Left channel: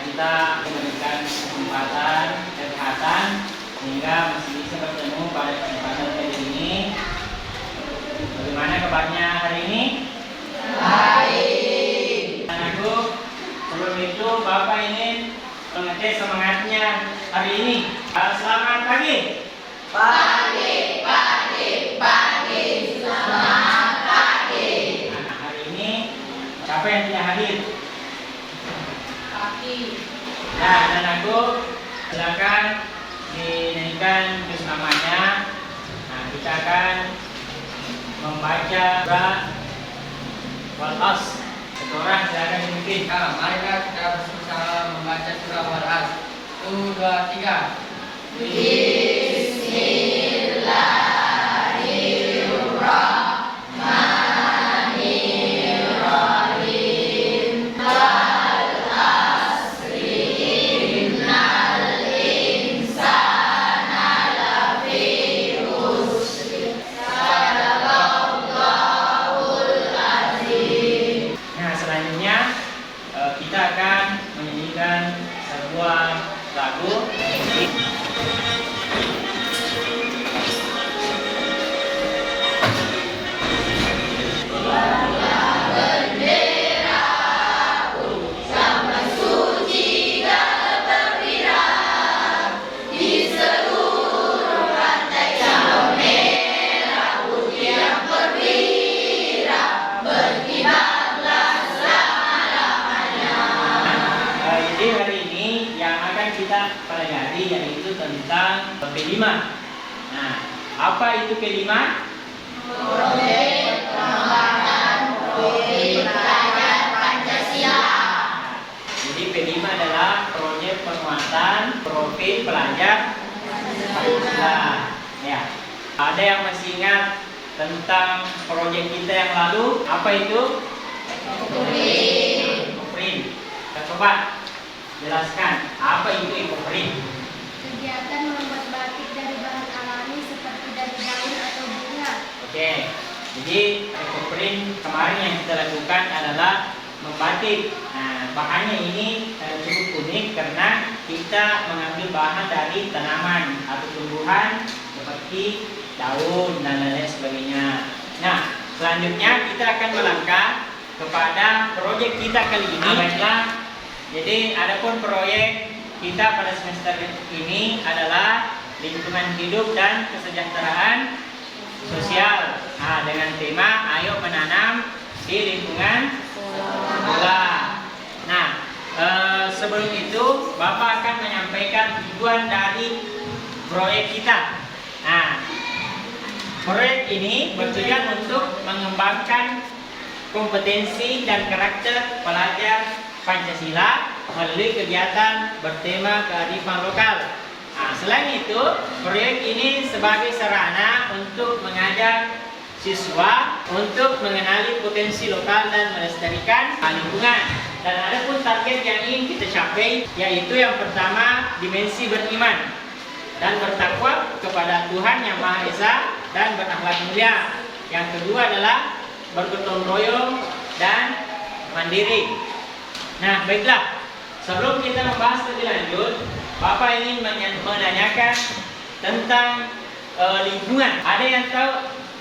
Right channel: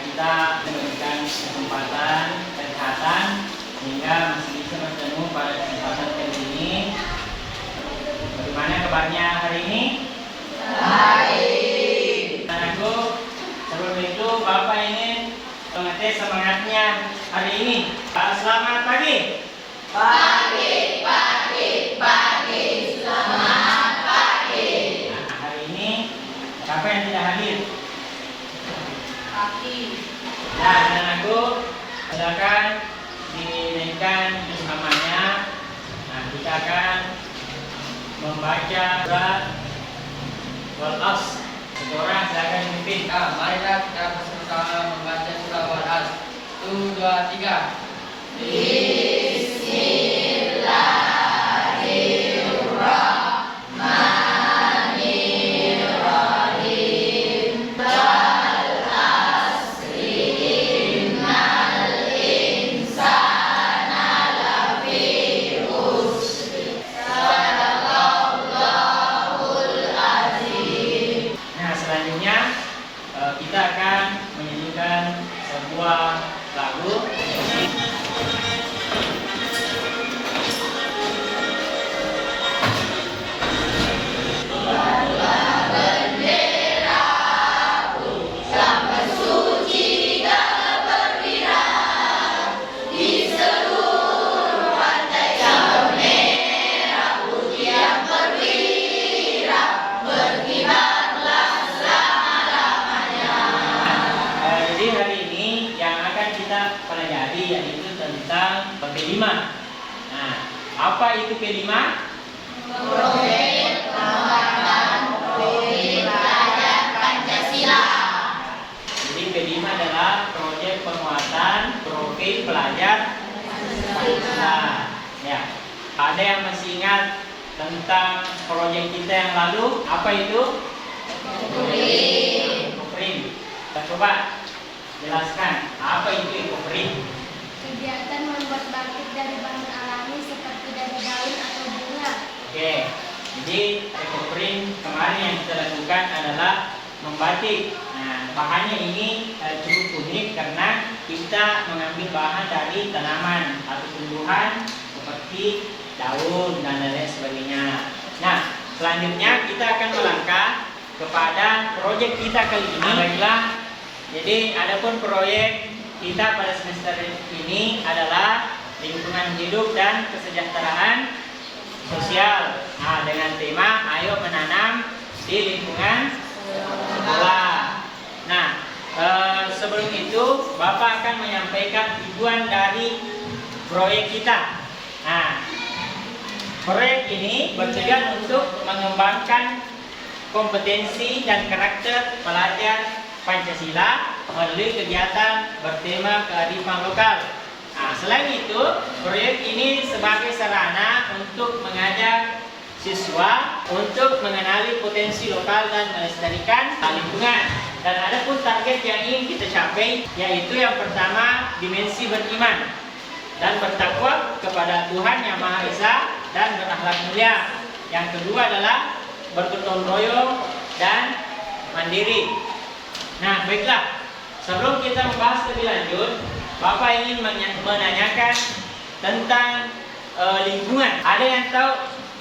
kita memberikan kesempatan kesehatan sehingga masih bisa bertemu pada kesempatan kali ini. Bagaimana kabarnya hari ini? Baik. Anakku, sebelum itu Bapak ingin mengetes semangatnya hari ini. Selamat pagi. Pagi, semangat pagi. Nah, hari ini siapa yang tidak hadir? Pagi. Ya, anakku, silakan dinaikkan bersamanya. Nah, kita akan membaca surah Wal-As. Seorang silakan memimpin. Marilah kita bersama membaca surah Wal-As. 1, 2, 3. Bismillahirrahmanirrahim. Wal asri innal insana lafi khusr. Sadaqallahul azim. Nah, selanjutnya kita akan menyanyikan sebuah lagu. Jadi hari ini yang akan kita pelajari yaitu tentang P5. Nah, apa itu P5? Proyek pengembangan proyek pelajar Pancasila. Jadi P5 adalah proyek penguatan profil pelajar Pancasila. Ya. Ada yang masih ingat tentang proyek kita yang lalu? Apa itu? Ekoprim. Kita coba jelaskan apa itu ekoprim. Kegiatan membuat batik dari bahan alami seperti daun atau bunga. Oke, jadi ekoprim kemarin yang kita lakukan adalah membatik. Nah, bahannya ini cukup unik karena kita mengambil bahan dari tanaman atau tumbuhan seperti daun dan lain sebagainya. Nah, selanjutnya kita akan melangkah kepada proyek kita kali ini. Baiklah, jadi adapun proyek kita pada semester ini adalah lingkungan hidup dan kesejahteraan sosial. Nah, dengan tema ayo menanam di lingkungan sekolah. Nah, sebelum itu Bapak akan menyampaikan tujuan dari proyek kita. Nah, proyek ini bertujuan untuk mengembangkan kompetensi dan karakter pelajar Pancasila melalui kegiatan bertema kearifan lokal. Nah, selain itu, proyek ini sebagai sarana untuk mengajak siswa untuk mengenali potensi lokal dan melestarikan lingkungan. Dan ada pun target yang ingin kita capai, yaitu yang pertama dimensi beriman dan bertakwa kepada Tuhan Yang Maha Esa dan berakhlak mulia. Yang kedua adalah bergotong royong dan mandiri. Nah, baiklah. Sebelum kita membahas lebih lanjut, Bapak ingin menanyakan tentang lingkungan. Ada yang tahu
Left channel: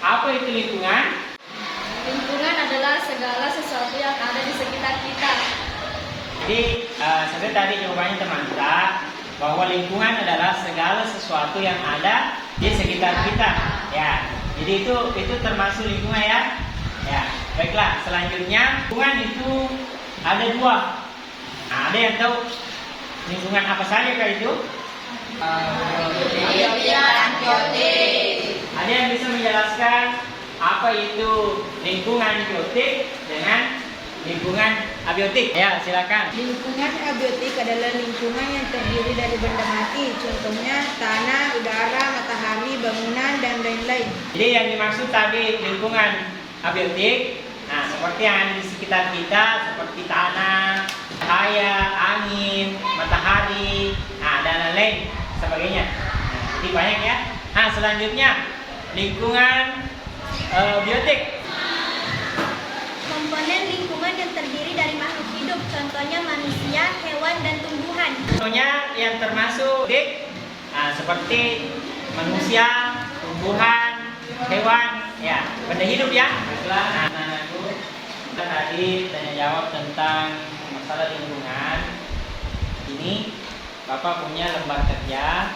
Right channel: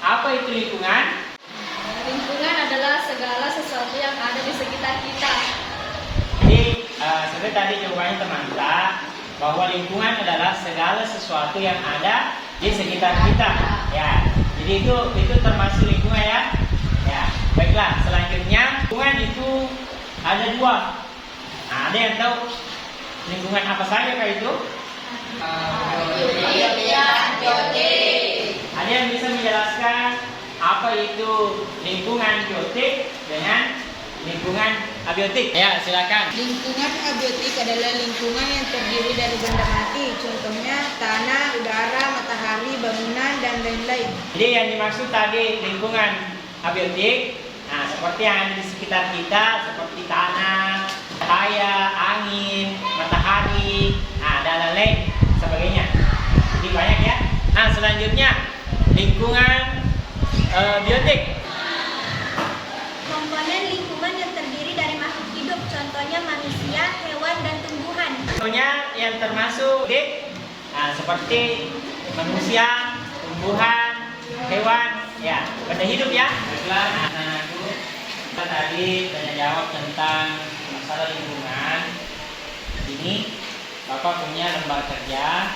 apa itu lingkungan? Lingkungan adalah segala sesuatu yang ada di sekitar kita. Jadi, seperti tadi jawabannya teman-teman, bahwa lingkungan adalah segala sesuatu yang ada di sekitar kita. Ya, jadi itu termasuk lingkungan ya. Ya, baiklah. Selanjutnya, lingkungan itu ada dua. Nah, ada yang tahu lingkungan apa saja kah itu? Ada yang bisa menjelaskan apa itu lingkungan biotik dengan lingkungan abiotik? Ya, silakan. Lingkungan abiotik adalah lingkungan yang terdiri dari benda mati, contohnya tanah, udara, matahari, bangunan, dan lain-lain. Jadi yang dimaksud tadi lingkungan abiotik, nah seperti yang ada di sekitar kita, seperti tanah, cahaya, angin, matahari, nah dan lain-lain sebagainya. Jadi banyak ya. Nah, selanjutnya lingkungan biotik. Komponen lingkungan yang terdiri dari makhluk hidup. contohnya manusia, hewan, dan tumbuhan. Contohnya yang termasuk seperti manusia, tumbuhan, hewan, ya, benda hidup ya. Baiklah, anak-anakku, kita tadi tanya jawab tentang masalah lingkungan. Ini Bapak punya lembar kerja,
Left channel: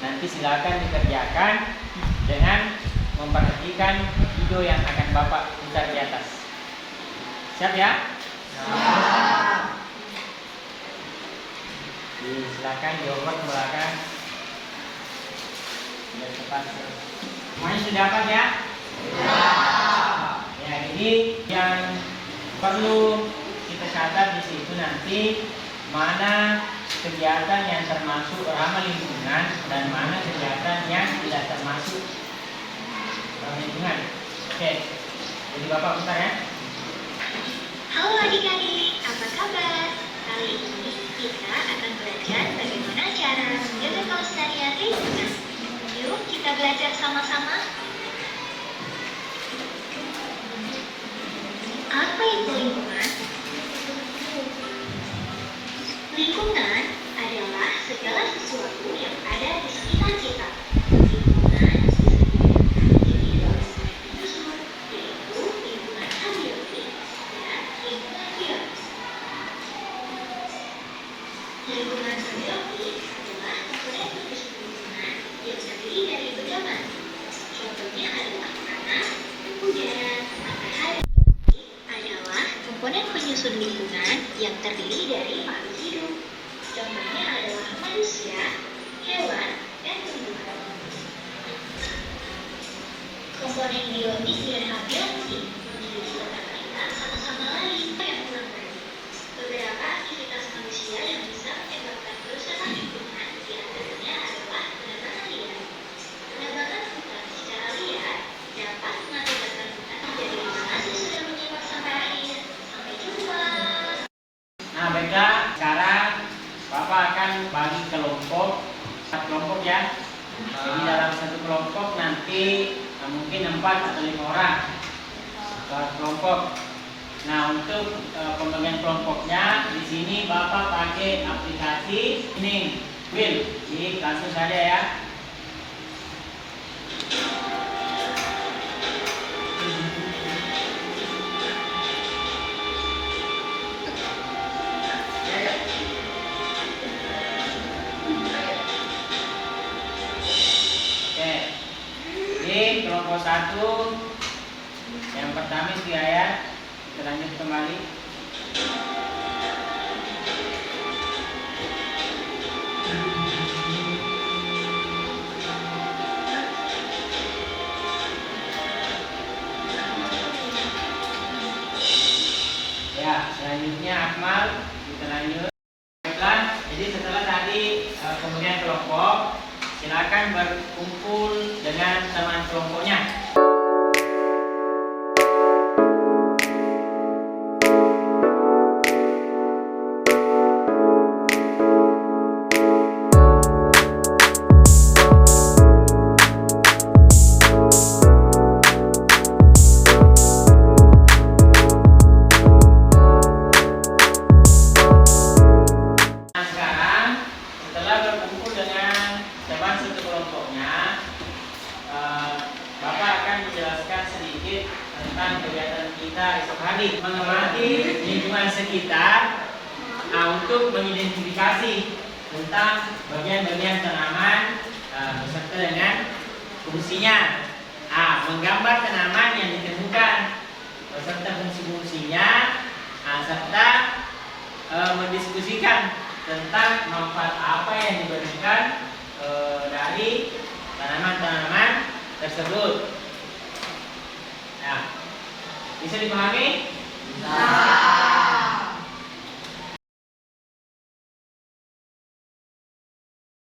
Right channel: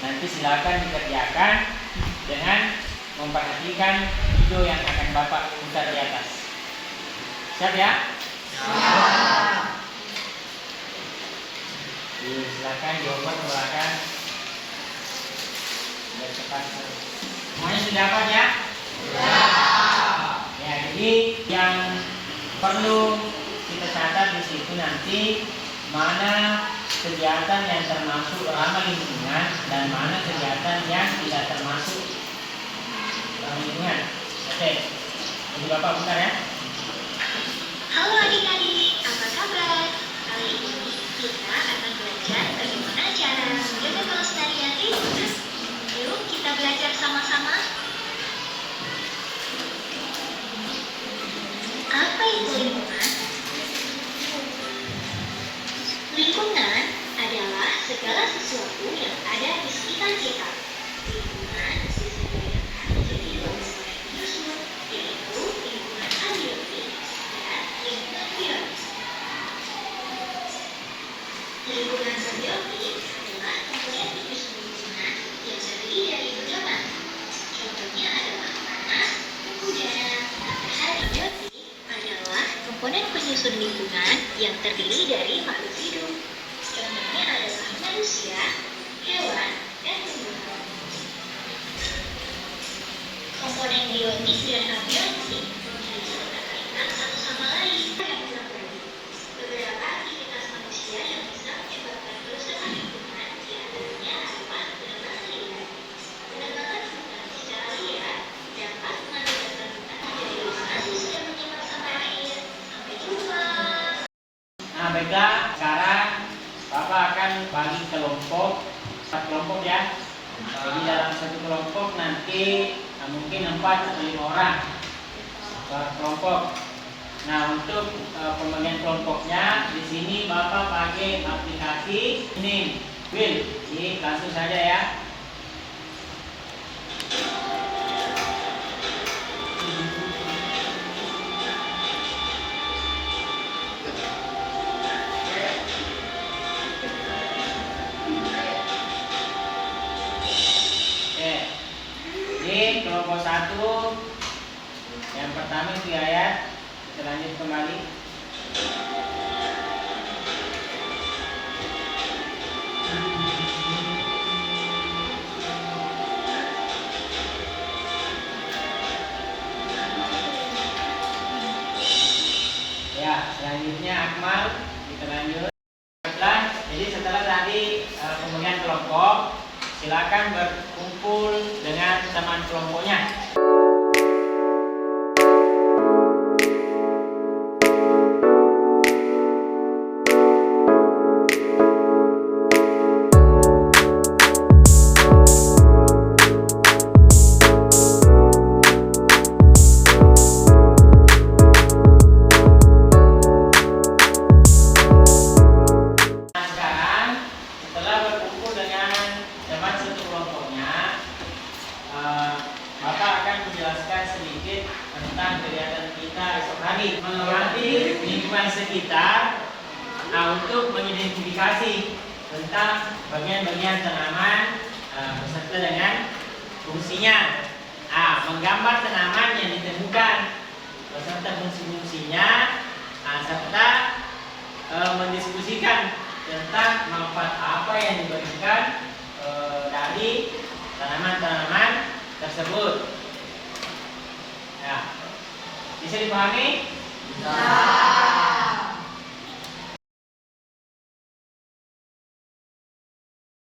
nanti silakan dikerjakan dengan memperhatikan video yang akan Bapak putar di atas. Siap ya? Siap. Silakan diopot ke belakang. Biar cepat. Semuanya sudah apa ya? Ya, jadi yang perlu kita catat di situ nanti mana kegiatan yang termasuk ramah lingkungan dan mana kegiatan yang tidak termasuk ramah lingkungan. Oke, jadi Bapak putar ya. Halo adik-adik, apa kabar? Kali ini kita akan belajar bagaimana cara menjaga kelestarian lingkungan. Yuk kita belajar sama-sama. Apa itu lingkungan? Lingkungan adalah segala sesuatu yang ada di sekitar kita. Lingkungan disebutkan menjadi dua bagian menyusun, yaitu lingkungan abiotik dan lingkungan biotik. Lingkungan abiotik adalah komponen penyusun lingkungan yang terdiri dari pedoman. Contohnya adalah tanah, udara, matahari. Biotik adalah komponen penyusun lingkungan yang terdiri dari makhluk hidup. Contohnya adalah manusia, hewan, dan tumbuhan. Komponen biotik dan abiotik memiliki keterkaitan satu sama lain. Beberapa aktivitas manusia yang bisa menyebabkan kerusakan lingkungan diantaranya adalah penebangan liar. Penebangan hutan secara liar dapat mengakibatkan hutan menjadi lokasi yang menyebabkan sampah air. Sampai jumpa. Nah, baiklah, sekarang Bapak akan bagi kelompok, 4 kelompok ya. Jadi dalam satu kelompok nanti mungkin 4 atau 5 orang per kelompok. Nah, untuk pembagian kelompoknya di sini Bapak pakai aplikasi ini, Will. Jadi langsung saja ya. Jadi kelompok 1 yang pertama itu ya, kita lanjut kembali. Ya, selanjutnya Akmal, kita lanjut. Baiklah, jadi setelah tadi pembagian kelompok, silakan berkumpul dengan teman kelompoknya. Nah, sekarang setelah berkumpul dengan teman satu kelompoknya, Bapak akan menjelaskan sedikit tentang kegiatan kita esok hari, mengamati lingkungan sekitar untuk mengidentifikasi tentang bagian-bagian tanaman beserta dengan fungsinya, menggambar tanaman yang ditemukan beserta fungsi-fungsinya, serta mendiskusikan tentang manfaat apa yang diberikan dari tanaman-tanaman tersebut. Ya, bisa dipahami?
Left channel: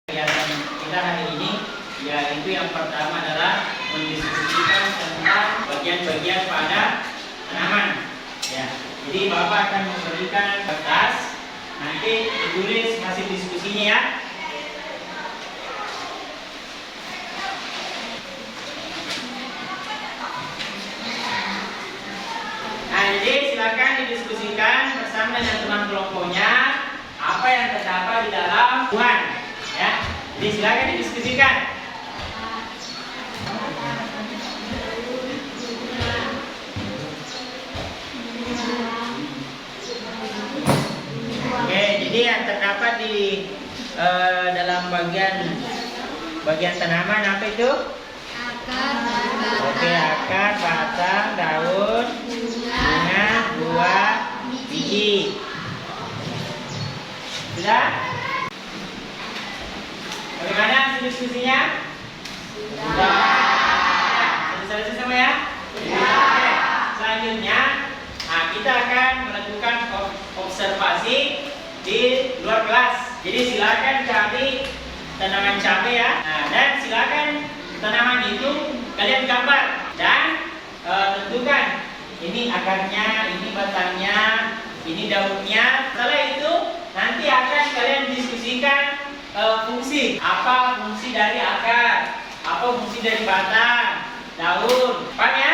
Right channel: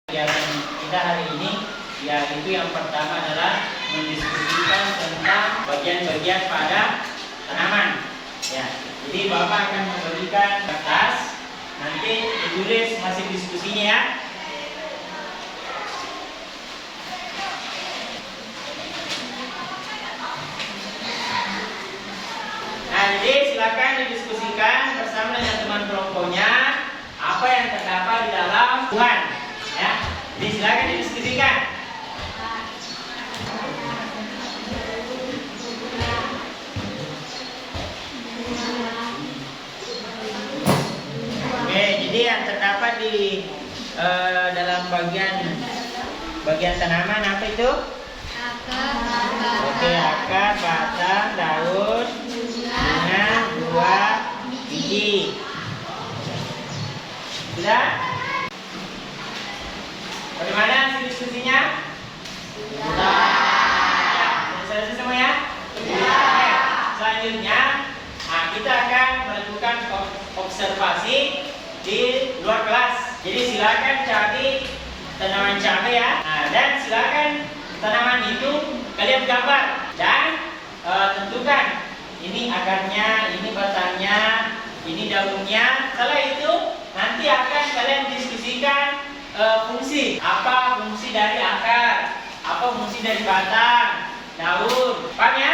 Kegiatan kita hari ini, yaitu yang pertama adalah mendiskusikan tentang bagian-bagian pada tanaman. Ya, jadi Bapak akan memberikan kertas, nanti ditulis hasil diskusinya ya. Nah, jadi silakan didiskusikan bersama bersama dengan teman kelompoknya apa yang terdapat di dalam Tuhan. Ya, jadi silakan didiskusikan. Oke, jadi yang terdapat di dalam bagian tanaman apa itu? Akar, Oke, akar, batang, daun, bunga, buah, biji. Sudah? Bagaimana hasil diskusinya? Sudah. Ya, sudah selesai semua ya? Sudah. Oke, selanjutnya, kita akan melakukan observasi di luar kelas. Jadi silakan cari tanaman cabai ya. Nah, dan silakan tanaman itu kalian gambar dan tentukan ini akarnya, ini batangnya, ini daunnya. Setelah itu nanti akan kalian diskusikan fungsi. Apa fungsi dari akar? Apa fungsi dari batang, daun? Paham ya?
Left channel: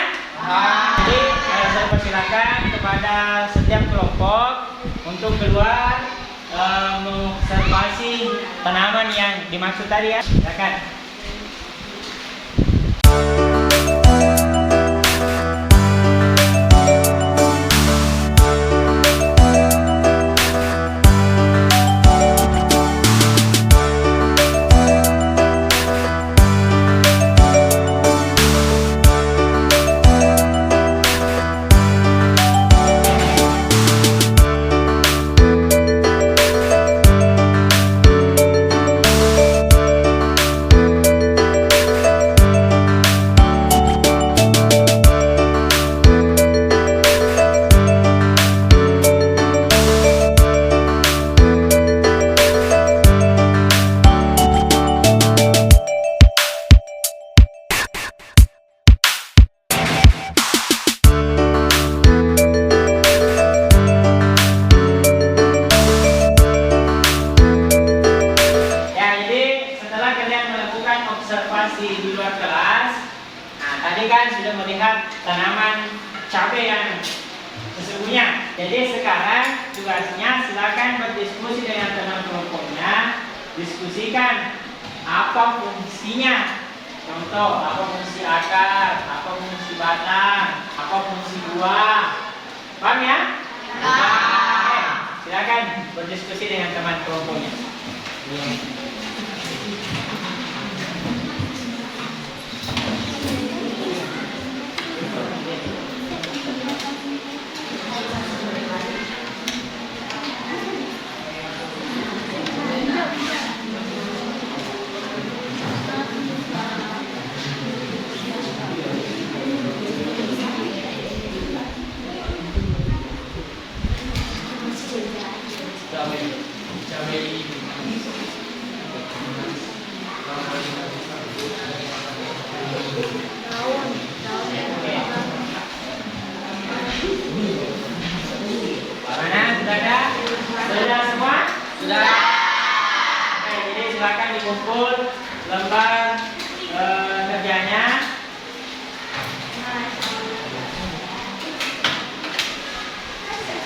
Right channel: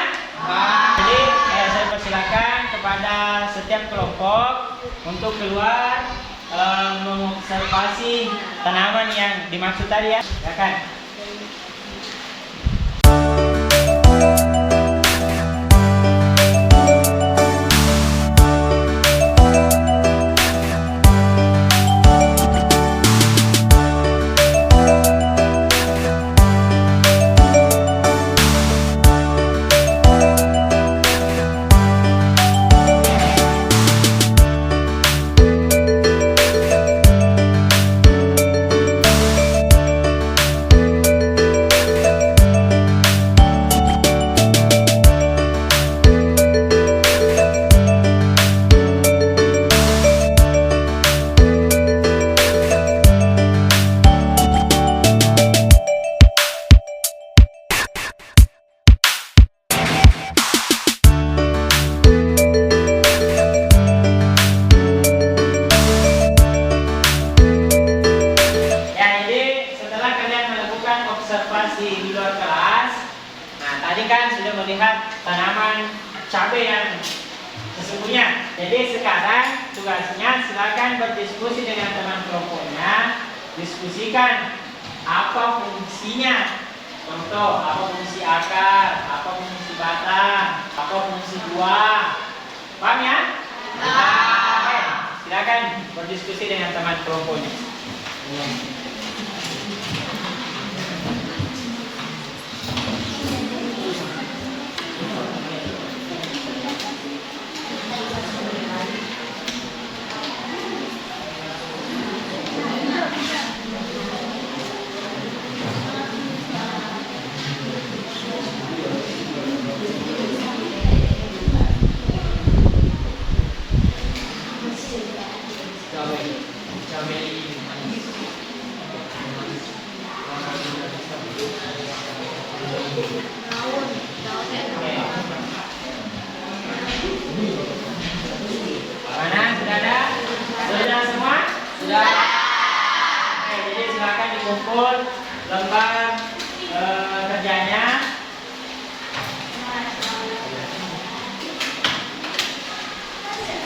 Jadi saya persilakan kepada setiap kelompok untuk keluar mengobservasi tanaman yang dimaksud tadi ya. Silakan. Observasi di luar kelas. Nah, tadi kan sudah melihat tanaman cabai yang sesungguhnya. Jadi sekarang tugasnya silakan berdiskusi dengan teman kelompoknya, diskusikan apa fungsinya. Contoh, apa fungsi akar, apa fungsi batang, apa fungsi buah. Paham ya? Oke, silakan berdiskusi dengan teman kelompoknya. Sudah semua? Sudah. Oke, jadi silakan dikumpul lembar kerjanya.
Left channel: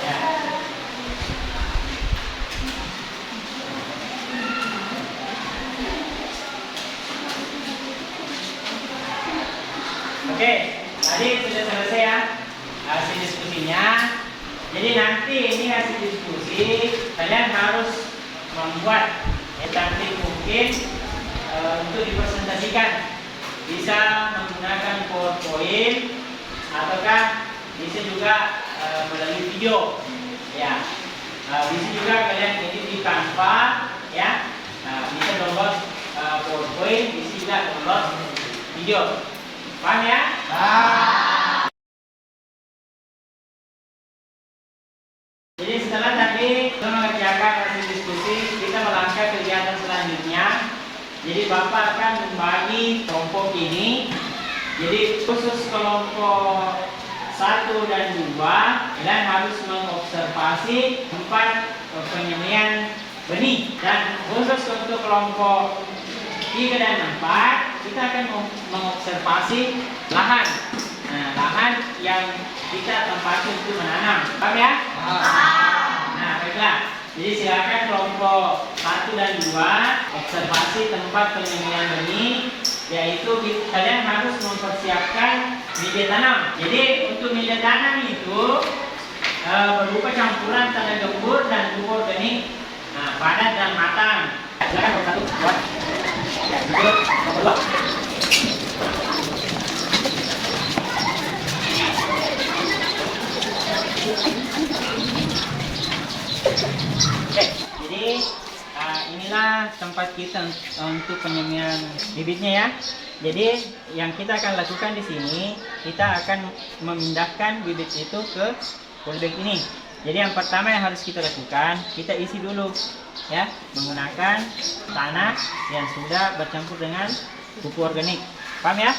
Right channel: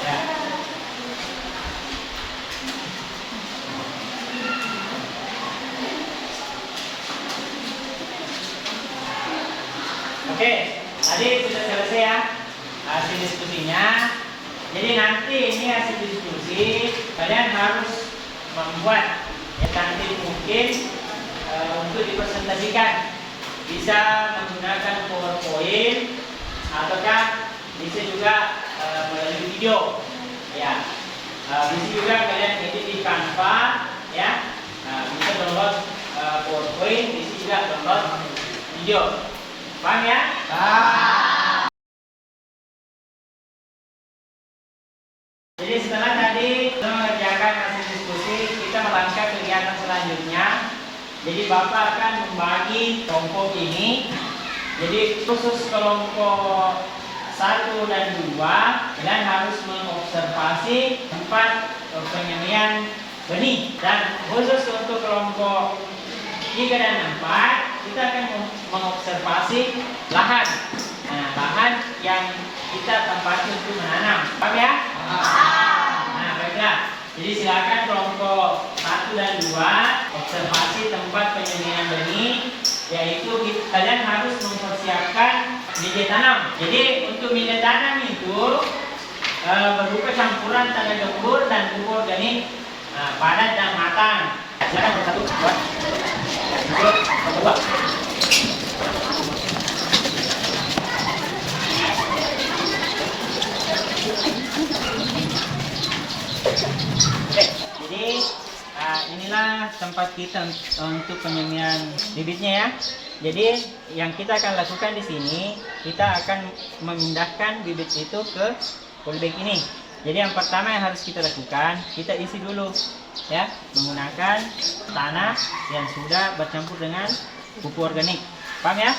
Ya. Oke, tadi sudah selesai ya hasil diskusinya. Jadi nanti ini hasil diskusi kalian harus membuat cantik mungkin untuk dipresentasikan. Bisa menggunakan PowerPoint ataukah bisa juga melalui video. Ya, bisa juga kalian edit di Canva ya. Bisa download PowerPoint, bisa juga download video. Paham ya? Jadi setelah tadi kita mengerjakan hasil diskusi, kita melangkah kegiatan selanjutnya. Jadi Bapak akan membagi kelompok ini. Jadi khusus kelompok 1 dan 2, kalian harus mengobservasi tempat penyemaian benih. Dan khusus untuk kelompok 3 dan 4, kita akan mengobservasi lahan. Nah, lahan yang kita tempati untuk menanam. Paham ya? Baiklah, jadi silakan kelompok 1 dan 2 observasi tempat penyembelihan benih, yaitu kalian harus mempersiapkan media tanam. Jadi untuk media tanam itu berupa campuran tanah gembur dan pupuk organik padat dan matang. Silakan kelompok 1 buat kelompok 2. Oke, jadi inilah tempat kita untuk penyemian bibitnya ya. Jadi yang kita akan lakukan di sini, kita akan memindahkan bibit itu ke polybag ini. Jadi yang pertama yang harus kita lakukan, kita isi dulu ya menggunakan tanah yang sudah bercampur dengan pupuk organik. Paham ya?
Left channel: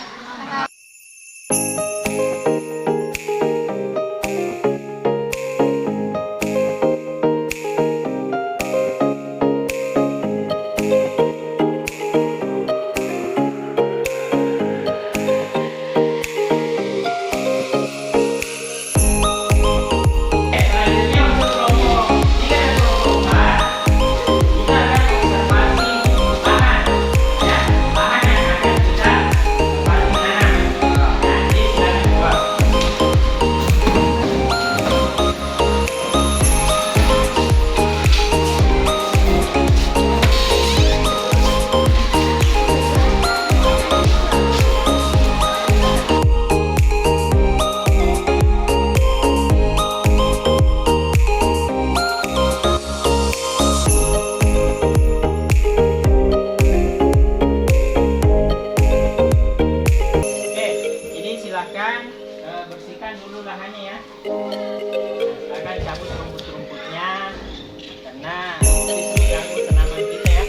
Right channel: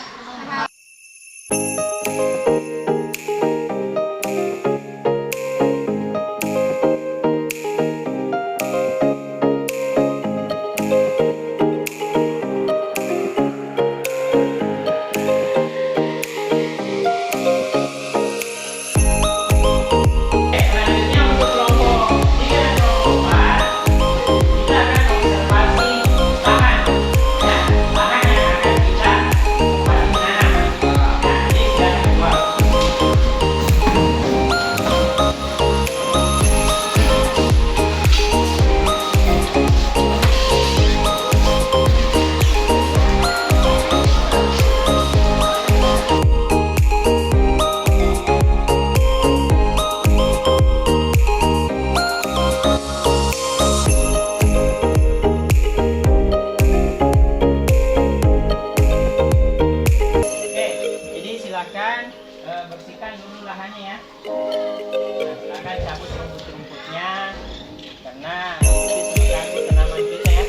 Bersihkan dulu lahannya ya. Nah, silakan cabut rumput-rumputnya karena itu mengganggu tanaman kita ya.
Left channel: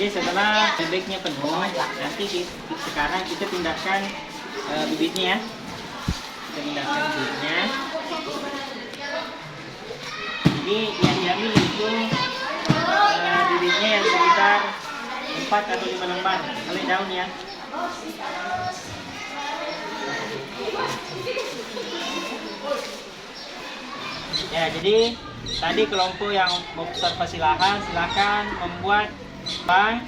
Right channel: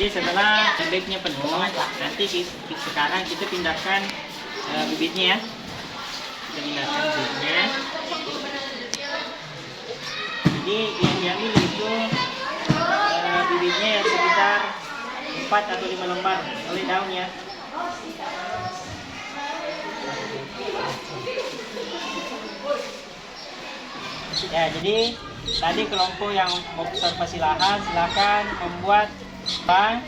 Jadi setelah bibitnya penuh, nanti sekarang kita pindahkan bibitnya ya. Kita pindahkan bibitnya. Jadi yang diambil itu bibitnya yang sekitar 4 atau 5 lembar oleh daun ya. Ya, jadi tadi kelompok yang observasi lahan silakan membuat bank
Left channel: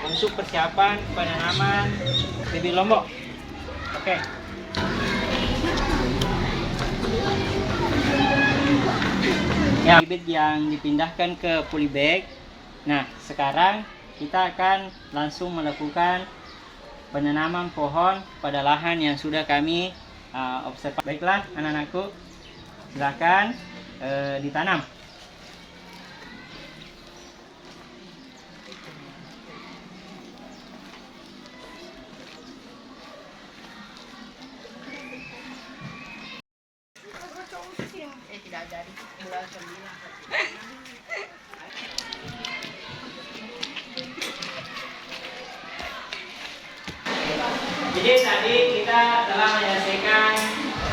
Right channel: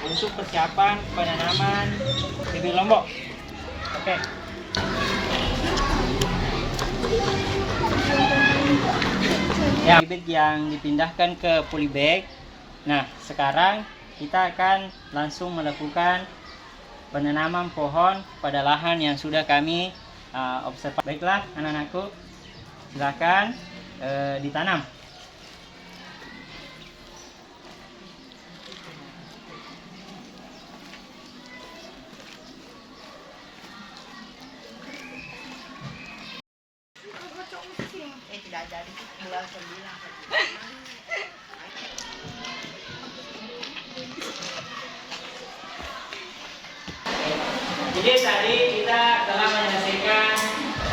untuk persiapan penanaman bibit lombok. Oke. Ya, bibit yang dipindahkan ke polybag. Nah, sekarang kita akan langsung melakukan penanaman pohon pada lahan yang sudah kami observasi. Baiklah, anak-anakku, silakan ditanam. Jadi tadi kita telah menyelesaikan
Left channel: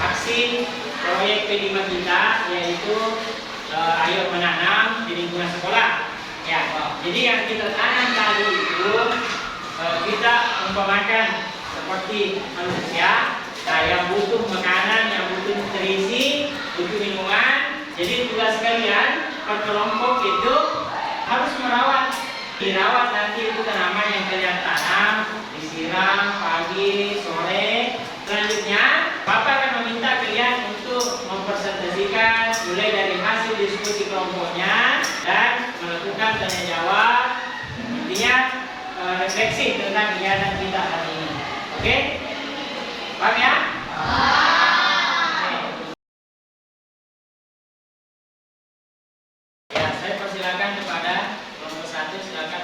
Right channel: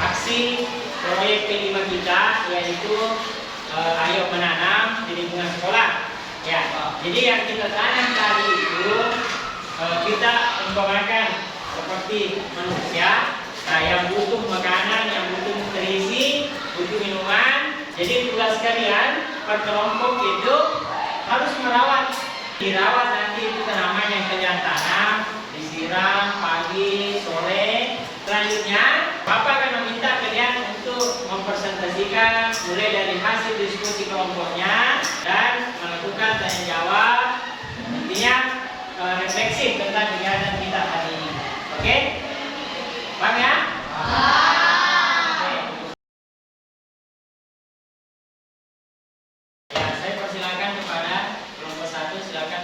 aksi proyek kelima kita, yaitu Ayo Menanam di lingkungan sekolah. Ya, jadi yang kita tanam tadi itu kita umpamakan seperti manusia, yang butuh makanan, yang butuh nutrisi, butuh minuman. Jadi tugas kalian per kelompok itu harus merawat. Dirawat nanti itu tanaman yang kalian tanam, disiram pagi, sore. Selanjutnya, Bapak akan meminta kalian untuk mempresentasikan mulai dari hasil diskusi kelompoknya dan melakukan tanya jawab. Intinya refleksi tentang kegiatan kita hari ini. Oke? Paham ya? Oke. Ya, saya persilakan kepada kelompok 1, silakan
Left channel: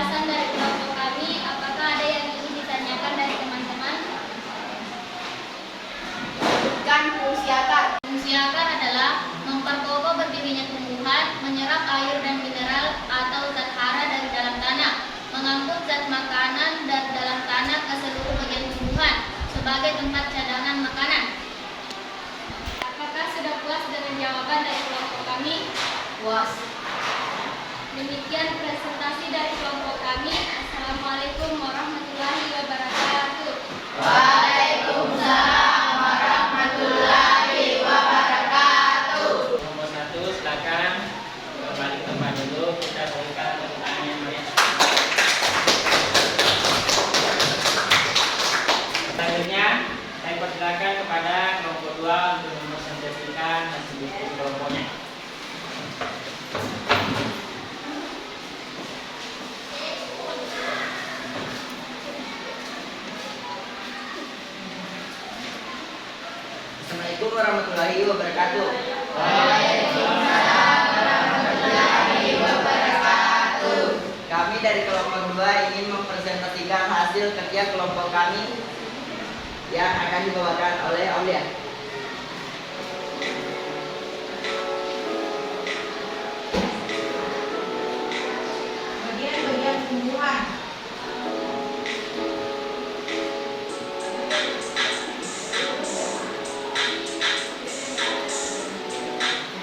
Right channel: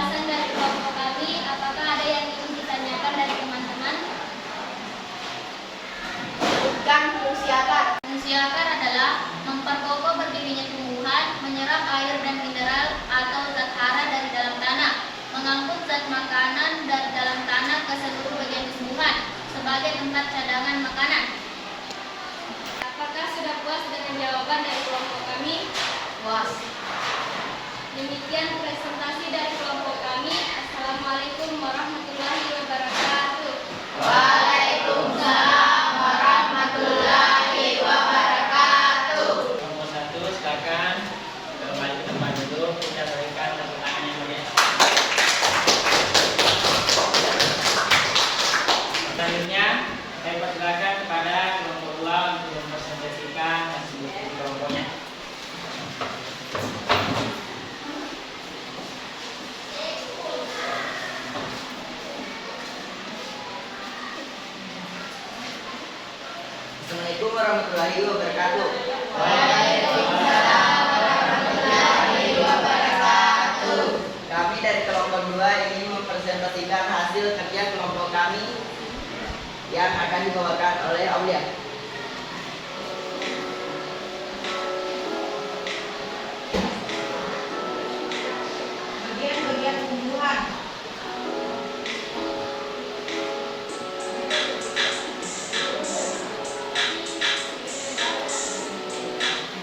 penjelasan dari kelompok kami. Apakah ada yang ingin ditanyakan dari teman-teman? Sebutkan fungsi akar. Fungsi akar adalah memperkokoh berdirinya tumbuhan, menyerap air dan mineral atau zat hara dari dalam tanah, mengangkut zat makanan dari dalam tanah ke seluruh bagian tumbuhan sebagai tempat cadangan makanan. Apakah sudah puas dengan jawaban dari kelompok kami? Puas. Demikian presentasi dari kelompok kami. Assalamualaikum warahmatullahi wabarakatuh. Waalaikumsalam warahmatullahi wabarakatuh. Nomor 1, silakan kembali ke tempat dulu. Kita berikan tepuk tangan yang meriah. Selanjutnya, saya persilakan kepada kelompok 2 untuk mempresentasikan hasil buku kelompoknya. Assalamualaikum warahmatullahi wabarakatuh. Kami dari kelompok 2 ingin mempresentasikan hasil kerja kelompok kami yang akan dibawakan oleh Aulia. Bagian-bagian tumbuhan.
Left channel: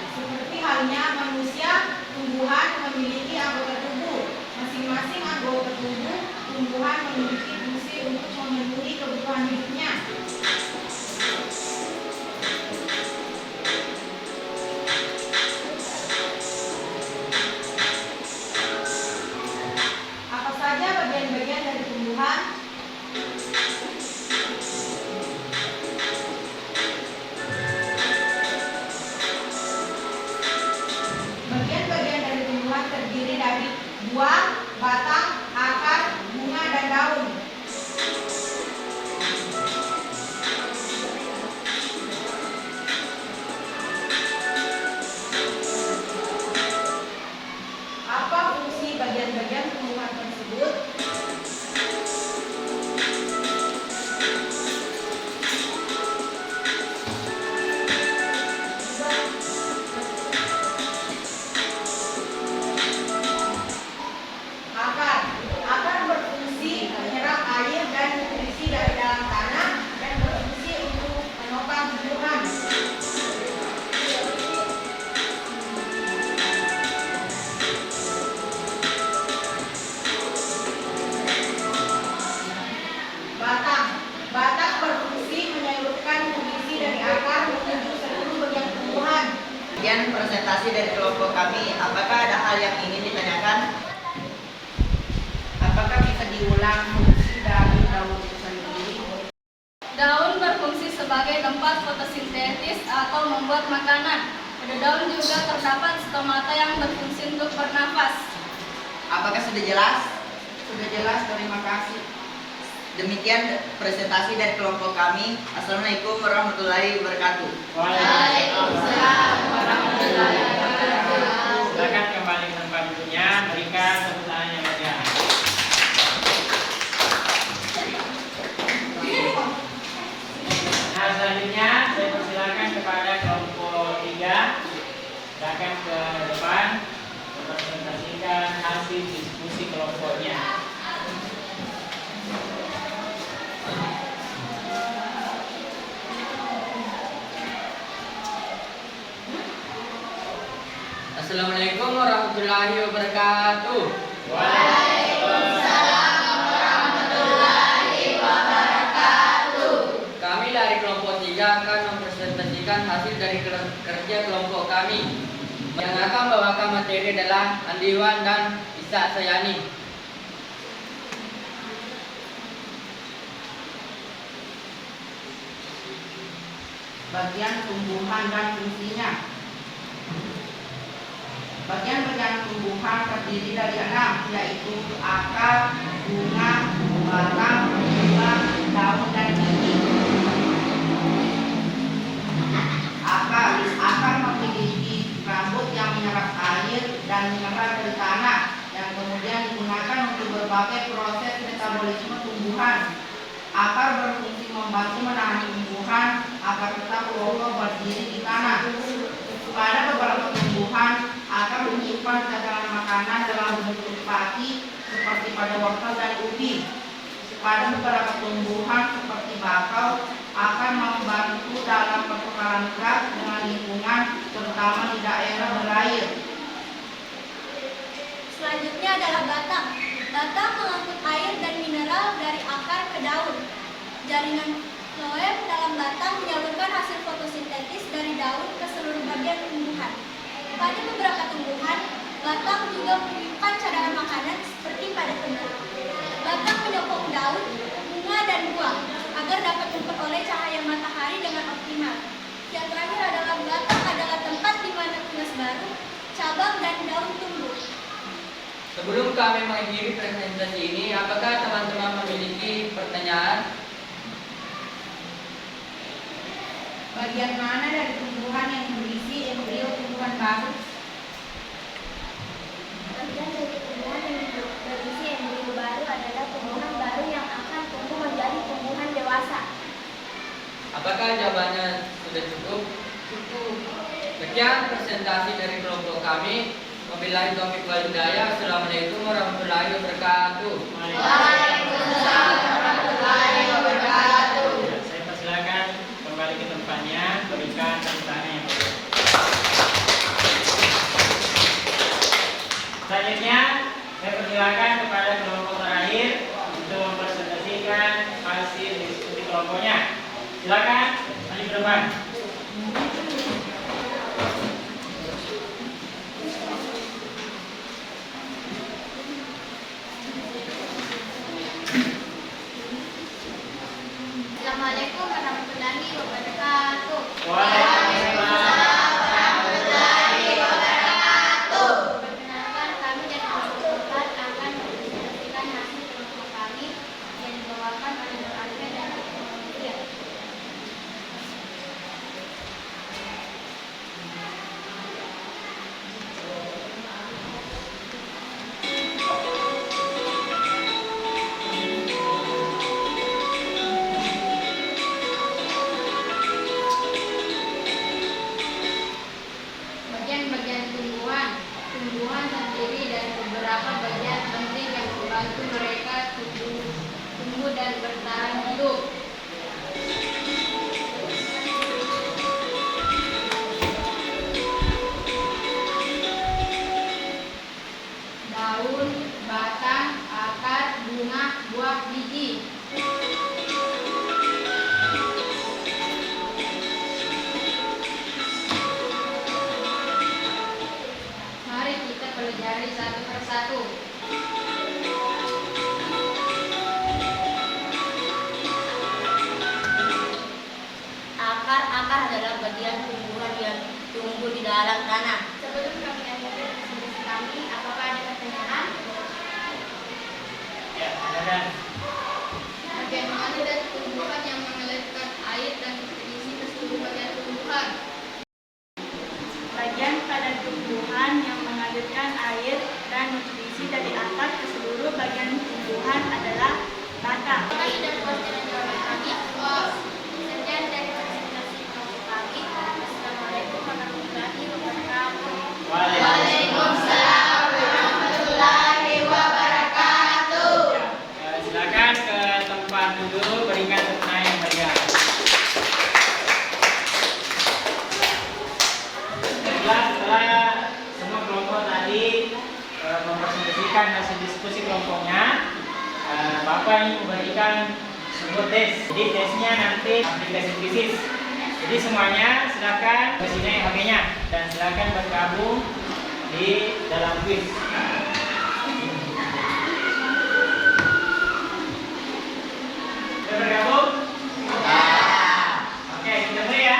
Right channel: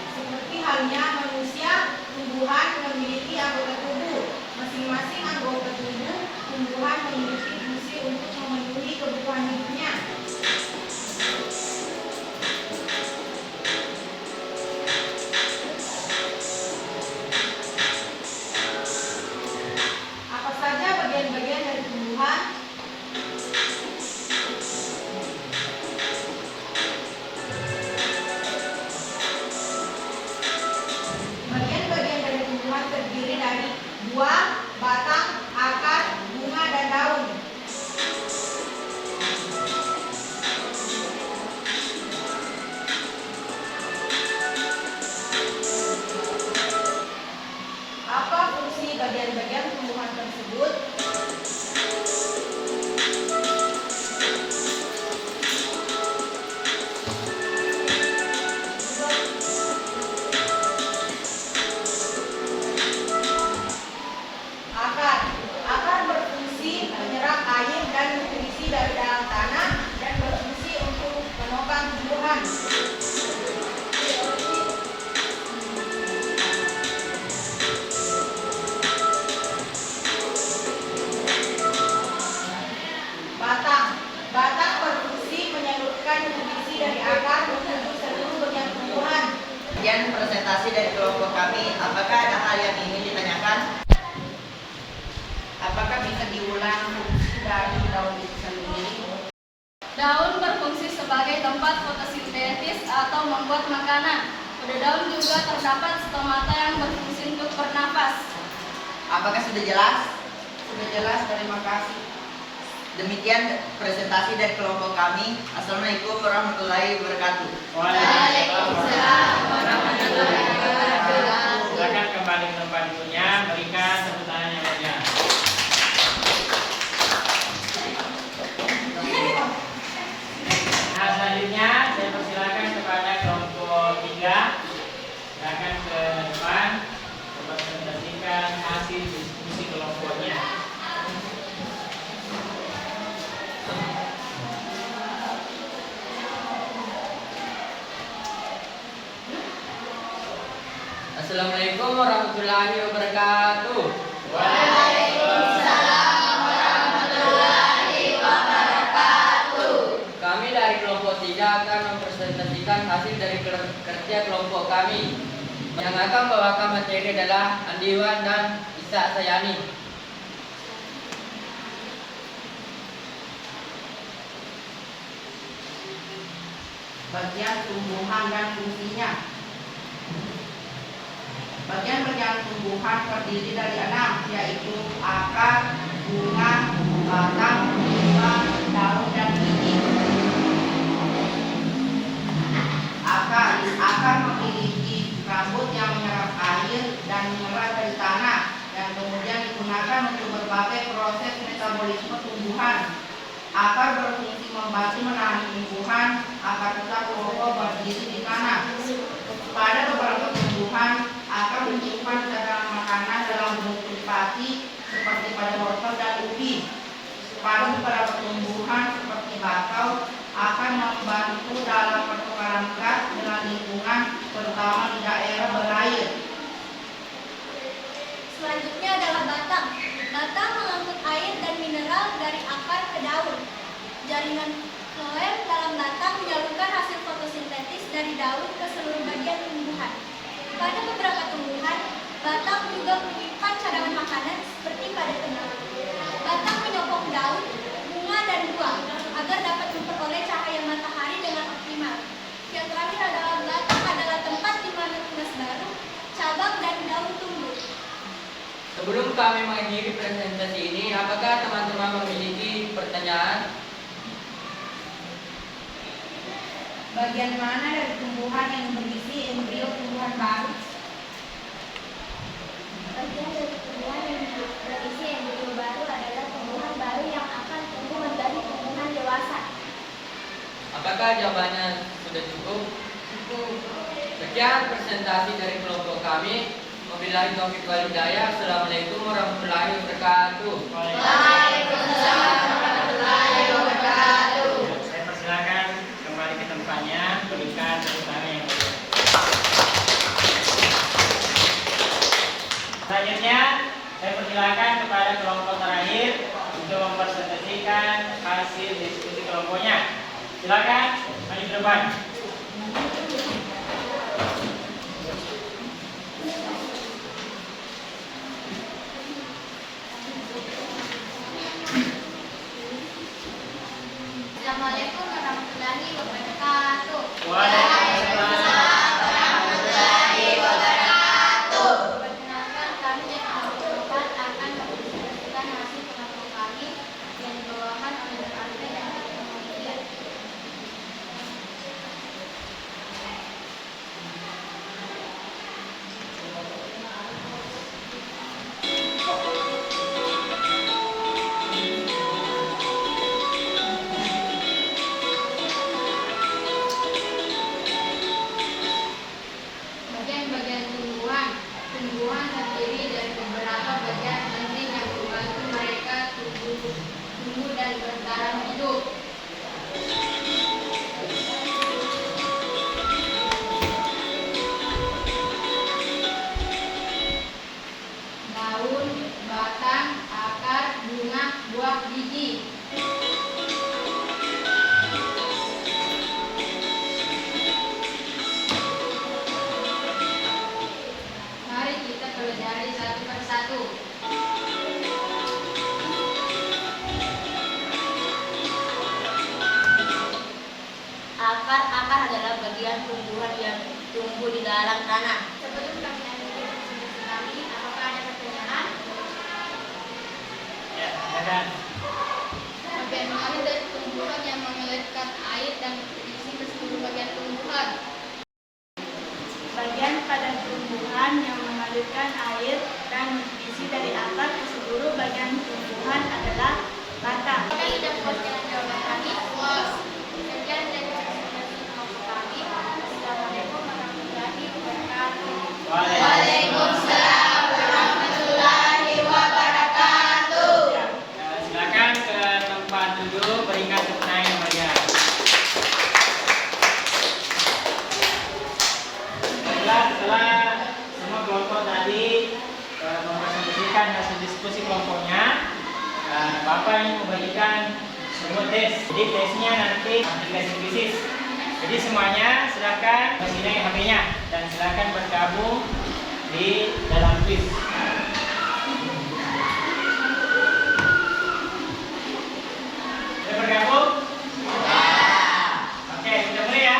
Seperti halnya manusia, tumbuhan memiliki anggota tubuh. Masing-masing anggota tubuh tumbuhan memiliki fungsi untuk memenuhi kebutuhan hidupnya. Apa saja bagian-bagian dari tumbuhan? Bagian-bagian dari tumbuhan terdiri dari buah, batang, akar, bunga, dan daun. Apa fungsi bagian-bagian tumbuhan tersebut? Akar berfungsi menyerap air dan nutrisi dari dalam tanah dan berfungsi untuk menopang tumbuhan. Batang berfungsi menyalurkan nutrisi dari akar menuju seluruh bagian tumbuhan. Sekian presentasi dari kelompok kami. Apakah ada hal yang ingin ditanyakan? Apakah bisa diulang fungsi dari daun itu sendiri? Daun berfungsi sebagai tempat fotosintesis atau membuat makanan. Pada daun juga terdapat stomata yang berfungsi untuk bernafas. Apakah sudah jelas? Sudah jelas, terima kasih. Demikian presentasi dari kelompok kami. Assalamualaikum warahmatullahi wabarakatuh. Waalaikumsalam warahmatullahi wabarakatuh. Silakan kembali ke tempat duduknya, berikan tepuk tangan yang meriah. Nah, selanjutnya saya persilakan kepada kelompok 3. Silakan ke depan mempresentasikan hasil diskusi kelompoknya. Assalamualaikum warahmatullahi wabarakatuh. Waalaikumsalam warahmatullahi wabarakatuh. Kami dari kelompok 3 akan mempresentasikan hasil dari kerja kelompok kami. Yang akan membawakan materi adalah Andiwan dan Isa Sayani. Bagian tumbuhan dan fungsinya. Bagian-bagian tumbuhan terdiri dari 6, yaitu akar, bunga, batang, tulang, daun, dan biji. Akar memiliki rambut yang menyerap air dan menyerap dari tanah yang kemudian digunakan digunakan untuk berbagai proses metabolisme tumbuhan. Akar berfungsi membantu menahan tumbuhan agar tetap kokoh berdiri di tanah. Pada beberapa tumbuhan, akar menyimpan cadangan makanan dalam bentuk pati seperti pada wortel dan ubi. Pada beberapa tumbuhan seperti bakau, akan membantu dalam pertukaran gas dengan lingkungan, terutama di daerah berair. Selanjutnya adalah batang. Batang mengangkut air dan mineral dari akar ke daun. Jaringan floem dalam batang menyalurkan hasil fotosintetis dari daun ke seluruh bagian tumbuhan. Pada beberapa tumbuhan, batang juga menyimpan cadangan makanan seperti pada tembakau. Batang menyokong daun, bunga, dan buah agar dapat memperoleh cahaya matahari dengan optimal. Yang terakhir adalah batang adalah tempat di mana tunas baru, cabang, dan daun tumbuh. Sebelum kami mengakhiri presentasi ini, apakah teman-teman memiliki pertanyaan? Bagian mana dari tumbuhan yang berisi embrio tumbuhan baru? Bagian dari tumbuhan yang berisi embrio baru adalah tumbuhan baru yang akan tumbuh menjadi tumbuhan dewasa. Apakah jawabannya sudah cukup? Cukup. Sekian presentasi dari kelompok kami. Wabillahi taufiq wal hidayah. Assalamualaikum warahmatullahi wabarakatuh. Waalaikumsalam warahmatullahi wabarakatuh. Saya persilakan kembali ke tempatnya, berikan tepuk tangan yang baik. Selanjutnya, saya persilakan kepada kelompok terakhir untuk mempresentasikan hasil diskusi kelompoknya. Silakan maju ke depan. Assalamualaikum warahmatullahi wabarakatuh. Waalaikumsalam warahmatullahi wabarakatuh. Perkenalkan, kami dari kelompok 4 akan mempresentasikan hasil kelompok kami yang dibawakan oleh Dr. Alfred dan Dr. Monica. Bagian-bagian tumbuhan. Tumbuhan terdiri dari beberapa bagian penting yang membantu mereka tumbuh dan bertahan hidup. Daun, batang, akar, bunga, buah, biji. Mari kita pelajari satu persatu. Akar adalah bagian tumbuhan yang tumbuh di dalam tanah. Sebelum kami akhiri presentasi kami, apakah ada pertanyaan? Ya, silakan. Bagaimana dari tumbuhan yang mengalirkan air dan berisi ke seluruh bagian tumbuhan? Bagian pada tumbuhan yang mengalirkan air dan nutrisi dari akar ke seluruh bagian tumbuhan adalah batang. Apakah sudah puas dengan jawaban kami? Puas. Sekian dari presentasi kelompok kami. Assalamualaikum warahmatullahi wabarakatuh. Waalaikumsalam warahmatullahi wabarakatuh. Silakan ke tempat duduk, berikan tepuk tangan yang meriah. Setelah semua kelompok tadi mempresentasikan hasil diskusi kelompoknya, Bapak ingin memberikan sebuah tes. Jadi tesnya nanti aplikasi krisis. Jadi semuanya silakan kesini HP-nya dan silakan bergabung di dalam quiz. Sudah bergabung? Oke, kita mulai ya.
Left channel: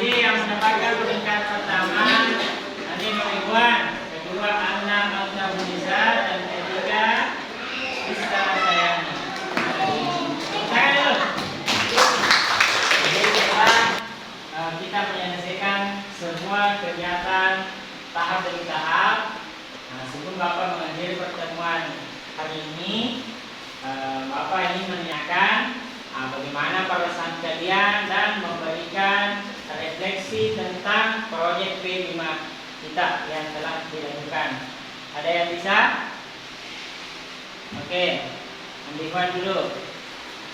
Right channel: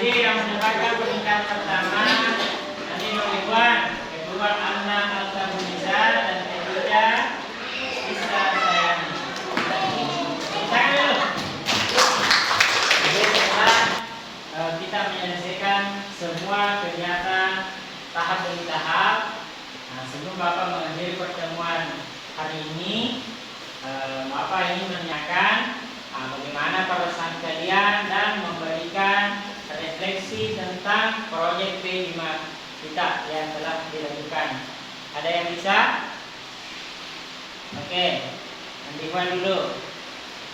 Jadi yang mendapatkan peringkat pertama Adi Ridwan, kedua Anna Alkabunisa, dan ketiga Isa Sayani. Tangan dulu. Jadi setelah kita menyelesaikan semua kegiatan tahap demi tahap, sebelum Bapak mengakhiri pertemuan hari ini, Bapak ingin menanyakan bagaimana perasaan kalian dan memberikan refleksi tentang proyek P5 kita yang telah dilakukan. Ada yang bisa? Oke, Andivan dulu.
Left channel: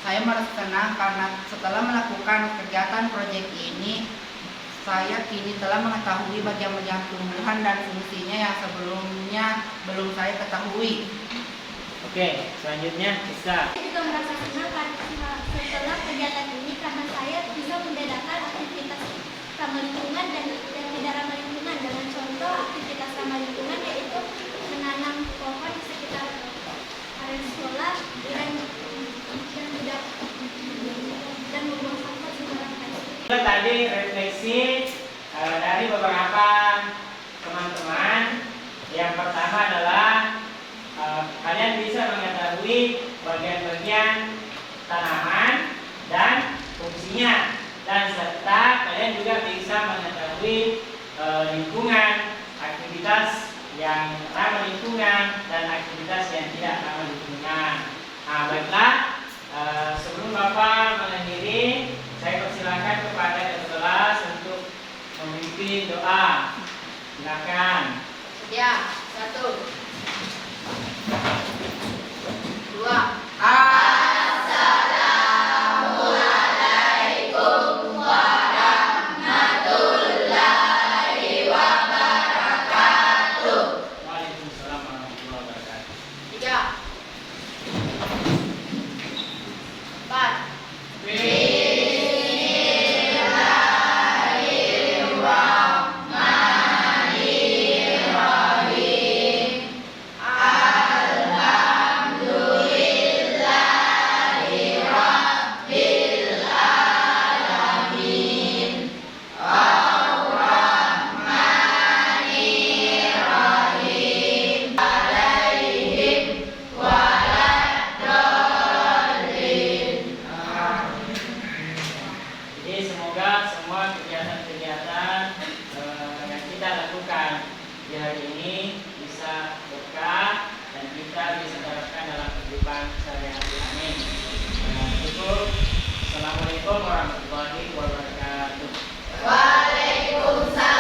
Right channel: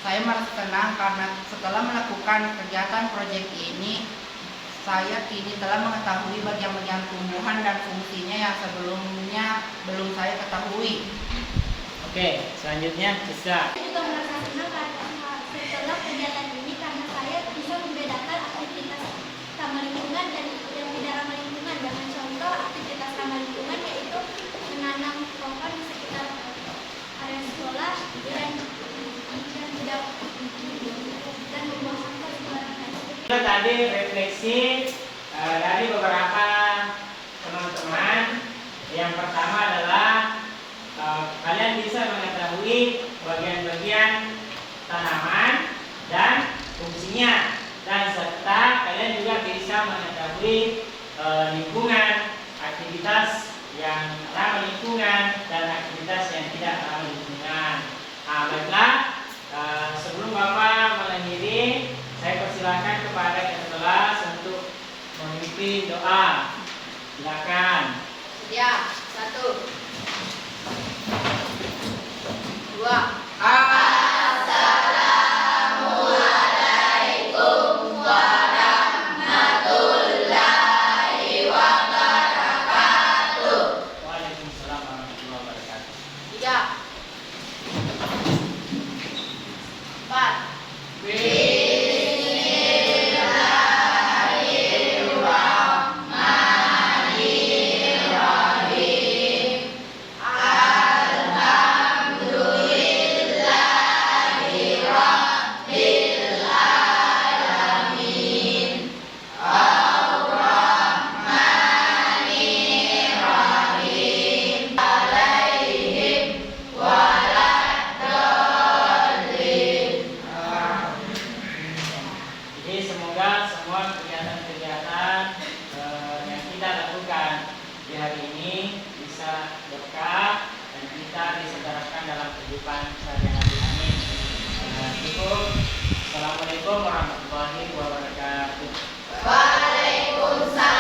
Saya merasa senang karena setelah melakukan kegiatan proyek ini, saya kini telah mengetahui bagian-bagian tumbuhan dan fungsinya yang sebelumnya belum saya ketahui. Oke, selanjutnya bisa. Saya juga merasa senang karena setelah kegiatan ini karena saya bisa membedakan aktivitas ramah lingkungan dan tidak ramah lingkungan. Dengan contoh aktivitas ramah lingkungan yaitu menanam pohon di sekitar area sekolah dan membuang sampah sembarangan. Tadi refleksi dari beberapa teman-teman. Yang pertama adalah kalian bisa mengetahui bagian-bagian tanaman dan fungsinya, dan serta kalian juga bisa mengetahui lingkungan, aktivitas yang ramah lingkungan dan aktivitas yang tidak ramah lingkungan. Nah, baiklah, sebelum Bapak mengakhiri, saya persilakan kepada ketua kelas untuk memimpin doa. Silakan. Ya, 1, 2. Assalamualaikum warahmatullahi wabarakatuh. Waalaikumsalam warahmatullahi wabarakatuh. 3, 4. Jadi semoga semua kegiatan-kegiatan yang kita lakukan di hari ini bisa berkah dan kita bisa terapkan dalam kehidupan sehari-hari. Amin. Cukup. Assalamualaikum warahmatullahi wabarakatuh. Waalaikumsalam.